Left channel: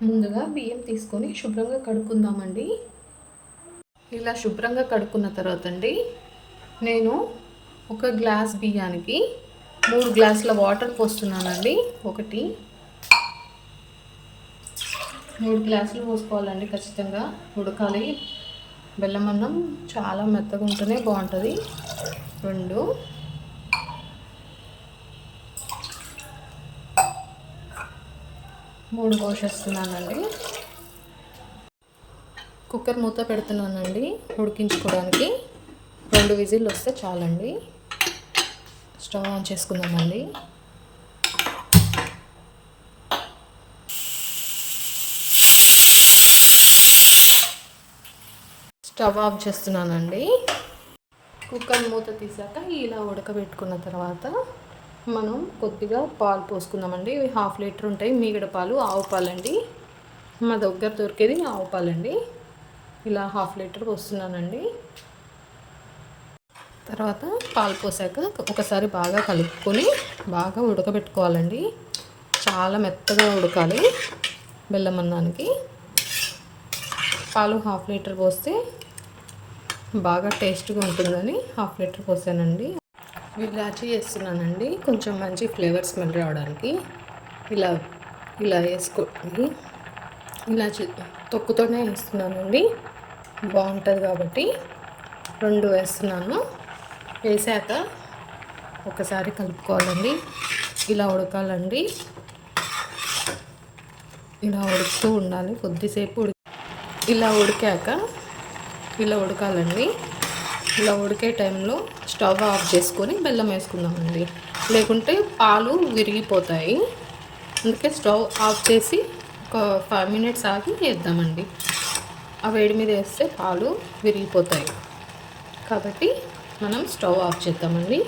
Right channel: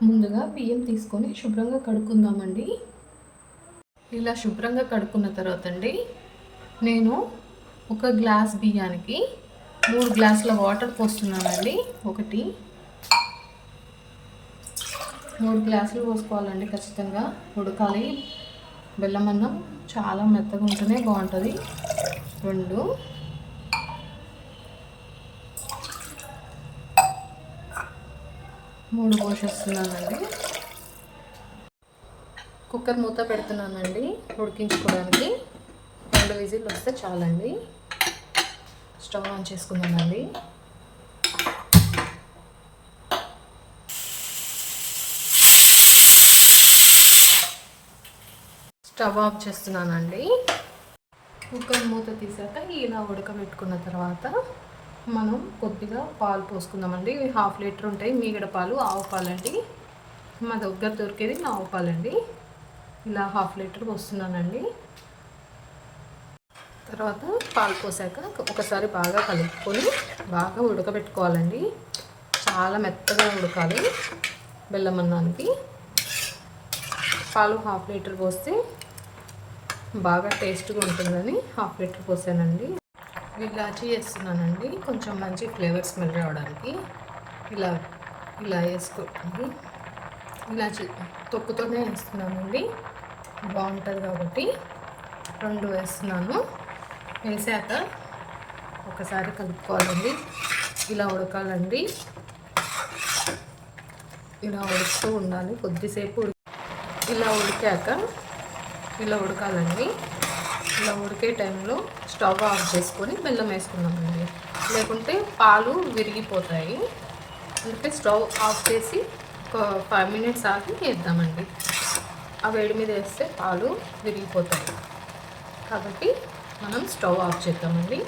ముందుగా బియ్యం తీసుకొని శుభ్రంగా కడుక్కుందామండి. ఇలా శుభ్రంగా కడుక్కున్న తర్వాత అండి నేను ఒక గ్లాస్ బియ్యానికి 3 గ్లాసుల వాటర్ పోస్తున్నానండి. 3 గ్లాసులు పోసుకోవాలండి. ఖచ్చితంగా ఉడకాలి. బెల్లం అన్నం చాలా మెత్తగా ఉంటేనే బాగుంటుంది. 2 3 పోసేస్తున్నానండి. కుక్కర్ మూత పెడుతున్నానండి ఉడికించుకోవడానికి. 2 విజిల్లు వస్తే చాలండి. స్టవ్ ఆన్ చేసుకుందామండి. స్టవ్ ఆఫ్ చేస్తున్నానండి. కుక్కర్ మూత తీసాక ఇలా ఉడకబెట్టుకున్న తర్వాత మనం కొద్దిగా పాలు పోసుకుందామండి. ఇవి 1/2 లీటర్ ఉంటాయి. మీగడ పాలు, ఆవు పాలండి. మా దగ్గర దొరికేది ఆవు పాలండి. ఇలా 1/2 లీటర్ పోస్తున్నానండి. తర్వాత పాలు పోసాక ఒకసారి బాగా కలుపుకొని బాగా ఉడకబెట్టుకోవాలండి. చాలా మెత్తగా ఉడకాలి బెల్లం అన్నానికి. పాలు 1/2 లీటర్ పోస్తే బాగా టేస్ట్గా ఉంటుందని 1/2 లీటర్ పోసానండి. ఇలాచీ వేస్తున్నానండి, కొంచెం మంచి ఫ్లేవర్ స్మెల్ రావడానికి. ఇలా వేసుకోండి. ఇలాచీ తొక్కుతోనే వేస్తున్నానండి, బాగుంటుంది కాబట్టి 2 వేస్తున్నాను. వేసాక ఒకసారి కలుపుకోవాలండి. ఇలా ఉడకాలండి. ఇలా ఉడుకుతూ ఉండాలి కొద్దిసేపు. ఇలా ఉడకాలండి. ఇలా ఉడికే టైంలో స్టవ్ ఆఫ్ చేసుకొని బెల్లం వేసుకుందామండి. లేకుంటే పాలు విరిగిపోతాయి. అందుకే స్టవ్ ఆఫ్ చేసి ఒక 5 మినిట్స్ ఆగి వేద్దామండి. ఆ వేడి మీద వేస్తే పాలు విరిగిపోతాయి కాబట్టి మనం స్టవ్ ఆఫ్ చేద్దామండి.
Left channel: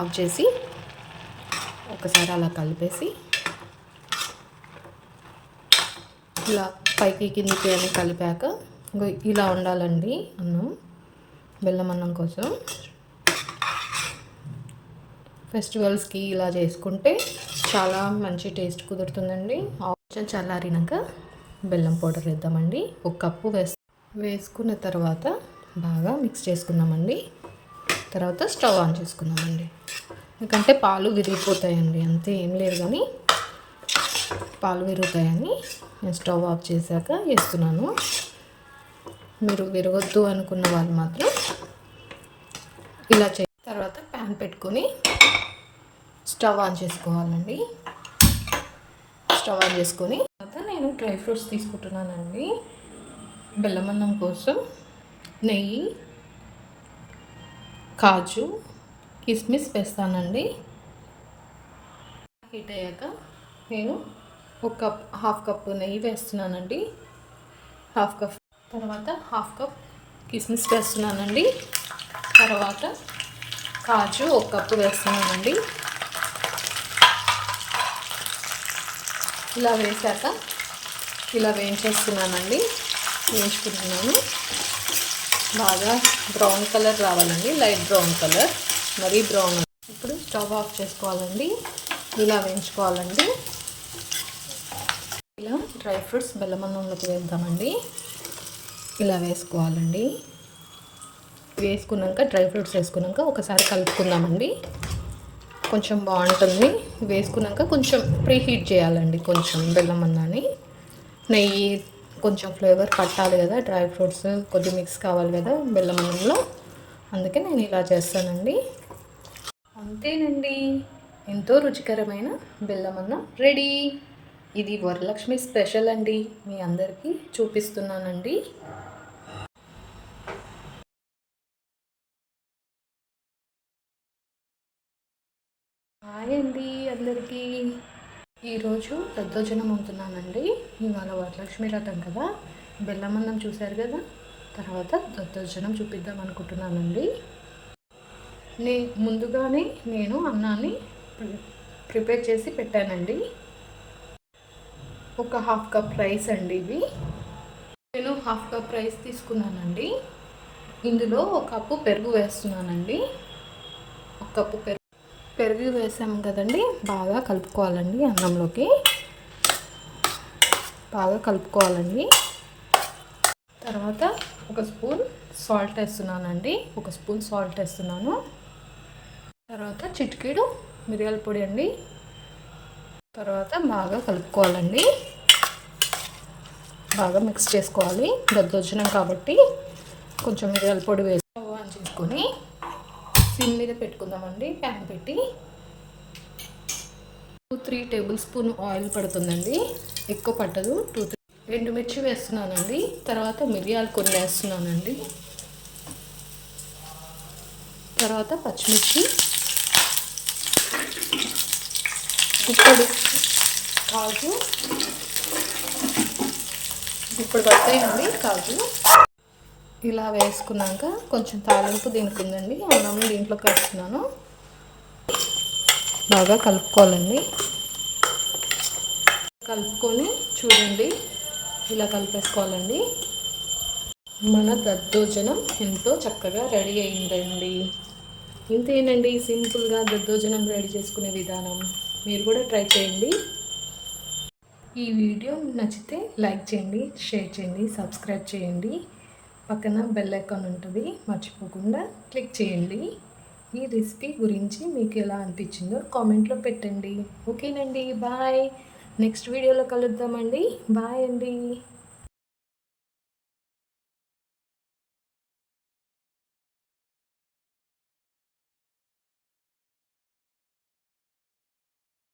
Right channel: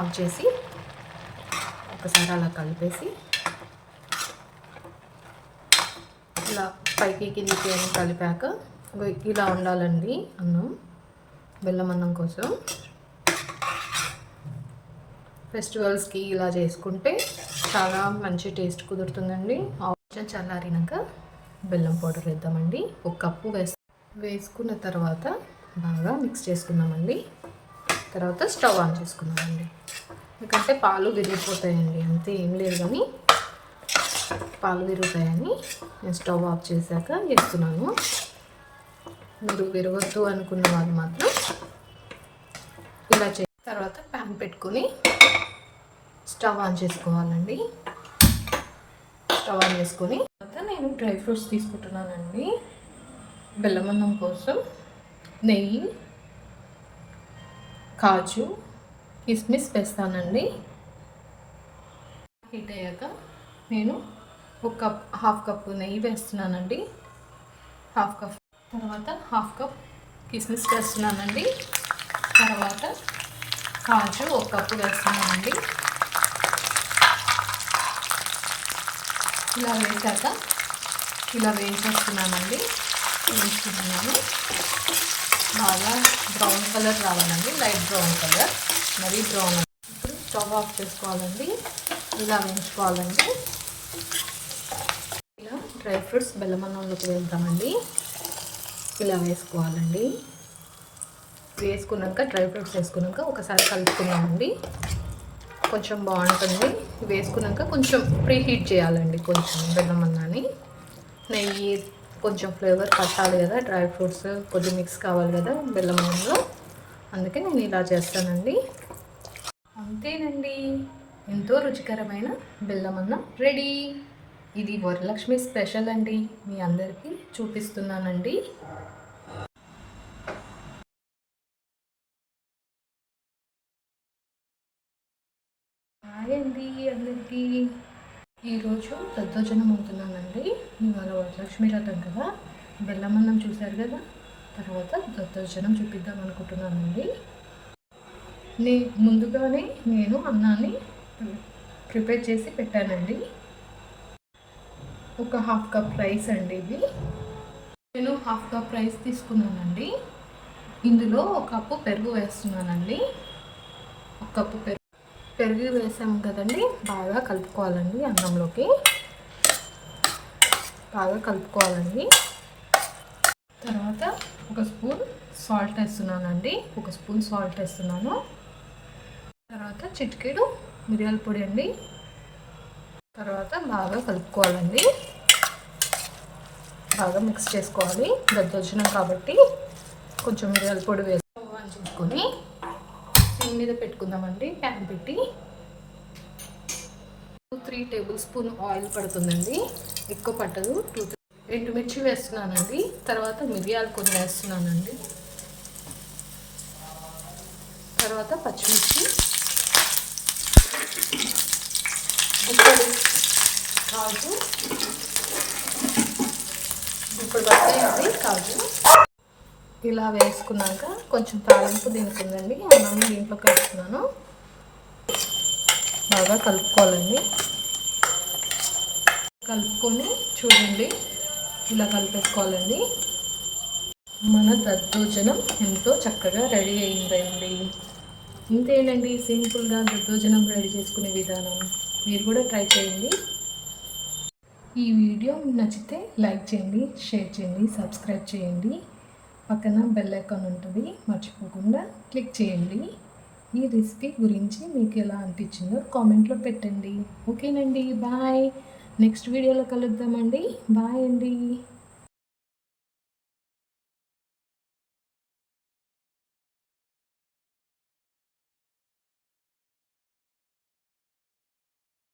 ఆఫ్ చేసి ఒకసారి అలా కలిపేసి ఇలా పైకి కిందికి కలిపాక ఇలా ఉండాలండి అన్నం. బెల్లం అన్నం కోసం ఫెస్టివల్స్కి ఇలా చేసుకుంటే చాలా మంచి టేస్ట్ కుదురుతుందండి. కొంచెం చల్లారినాక బెల్లం పౌడర్ వేద్దామండి. 1 కప్పు వేసుకున్న తర్వాత బాగా మిక్స్ చేసుకుందామండి. తర్వాత స్టవ్ ఆన్ చేసుకుందామండి. ఎందుకంటే పాలు విరిగిపోతాయండి, అంతే, ఏం లేదు, కానీ పాలు విరుగుతాయని నేను స్టవ్ ఆఫ్ చేశాక వేస్తున్నాను. మీరు విరగొద్దు అనుకున్న వాళ్ళు మాత్రం ఇలా తర్వాత ప్యాన్ పెట్టుకొని స్టవ్ ఆన్ చేసుకోవాలండి. స్టవ్ ఆన్ చేసుకొని తర్వాత నేను డ్రై ఫ్రూట్స్ తీసుకుంటున్నానండి. బెల్లం అన్నం కోసం నెయ్యి, కాజు, కిస్మిస్ వేస్తానండి. హీట్ అయ్యాక నేను 1/2 కప్పు నెయ్యి వేస్తున్నానండి. 1/2 కప్ తర్వాత 1/2 కప్ కిస్మిస్ వేస్తున్నానండి. తర్వాత కాజు 1 కప్పు వేస్తున్నానండి. ఇలా వేసాక ఇలా వేయించుకుంటున్నాను. బాగా బ్రౌన్ కలర్ రావాలండి, లైట్ బ్రౌన్ కలర్, మరీ బ్రౌన్. ఇప్పుడు స్టవ్ ఆఫ్ చేసుకోవాలండి. ఇలా వేయించుకోవాలండి. ఇలా డ్రై ఫ్రూట్స్ బెల్లం అన్నంలోకి వెళ్తామండి. ఇలా వేసుకోవాలండి. వేసుకున్నాక డ్రై ఫ్రూట్స్ వేసుకున్నాక ఒకసారి కలుపుకుందామండి. కొంచెం బాగుంటుంది. వేసుకున్నాక కొంచెం ప్రీహీట్ చేయాలండి. కొంచెం బెల్లం అన్నాన్ని, నెయ్యి కొంచెం ఫ్లేవర్ పట్టాలి కదా, డ్రై ఫ్రూట్స్ కొద్ది మిక్స్ కావాలి కదా బెల్లం అన్నంలో, అందుకే నేను ఇలా చేస్తానండి. అంతేనండి, ఎంతో రుచికరమైన బెల్లం అన్నం రెడీ. ఇది వరలక్ష్మి స్పెషల్ అండి, మీ అందరికీ చూపిస్తున్నానండి. హాయ్ అండి అందరికీ. ఈరోజు దద్దోజనం అవుతున్నానండి. ఇవాళ వరలక్ష్మి వ్రతం కదా, బెల్లం అన్నం చూశారు కదా, తర్వాత దద్దోజనం చూపిద్దాం అనుకుంటున్నానండి. ముందుగానే నేను అన్నాన్ని ప్రిపేర్ చేసి పెట్టానండి. 1/2 కప్ రైస్ అండి ఇవి. నేను 1/2 కప్ రైస్ తీసుకున్నానండి. ఇందులో 1 కప్పు పెరుగు వేస్తున్నానండి. 1 కప్పు పెరుగు వేసాము కదండి, బాగా కలుపుకోవాలండి అన్నంలోకి. బాగా కలుపుకోవాలండి. తర్వాత ఒక స్పూన్ సాల్ట్ వేస్తున్నానండి. ఒక స్పూన్ సాల్ట్ వేస్తున్నాను. తర్వాత చిటికెడు మిరియాల పొడి అండి. తర్వాత బాగా కలుపుకోవాలండి. బాగా మిక్స్ చేసుకోవాలి. దద్దోజనం కాబట్టి కొంచెం మిరియాల పొడి వేసి ఆన్ చేసుకొని సిమ్ మీద పెట్టుకుందామండి. ప్యాన్ పెట్టి 2-3 టేబుల్ స్పూన్ ఆయిల్ పడుతుందండి. ఎక్కువ పట్టదు. 2 ఎండుమిర్చి వేస్తున్నానండి. తర్వాత మిరియాలు కొన్ని వేస్తున్నానండి. తర్వాత పచ్చిమిర్చి, ఇప్పుడు కాజు, ఇప్పుడు వస్తాయండి కాజు. ఇలా వేసుకున్నాక కొంచెం తాలింపు దీనికి ఉందండి. అన్నం దీంట్లోకి వేస్తున్నాను. బాగా కలుపుకోవాలండి. కలుపుకొని చూడండి, ఇలా కలిపేసుకోవాలండి. మన దద్దోజనం ఎంతో చక్కగా రెడీ అయిందండి. ఇంతేనండి, సింపుల్గా దద్దోజనం రెడీ చేసుకునే విధానం. మీరు కూడా ట్రై చేయండి. ఈ వీడియో నచ్చితే లైక్ చేయండి, షేర్ చేయండి, సబ్స్క్రైబ్ చేయండి. పక్కన బెల్ ఐకాన్ ఉంటుంది, మర్చిపోకుండా క్లిక్ చేయండి. ఈ రెసిపీ గురించి మీకు ఎలా అనిపించిందో కామెంట్లో పెట్టండి. ఓకేనండి, బాయ్. నెక్స్ట్ వీడియోలో కలుద్దామండి. బాయ్ అండి.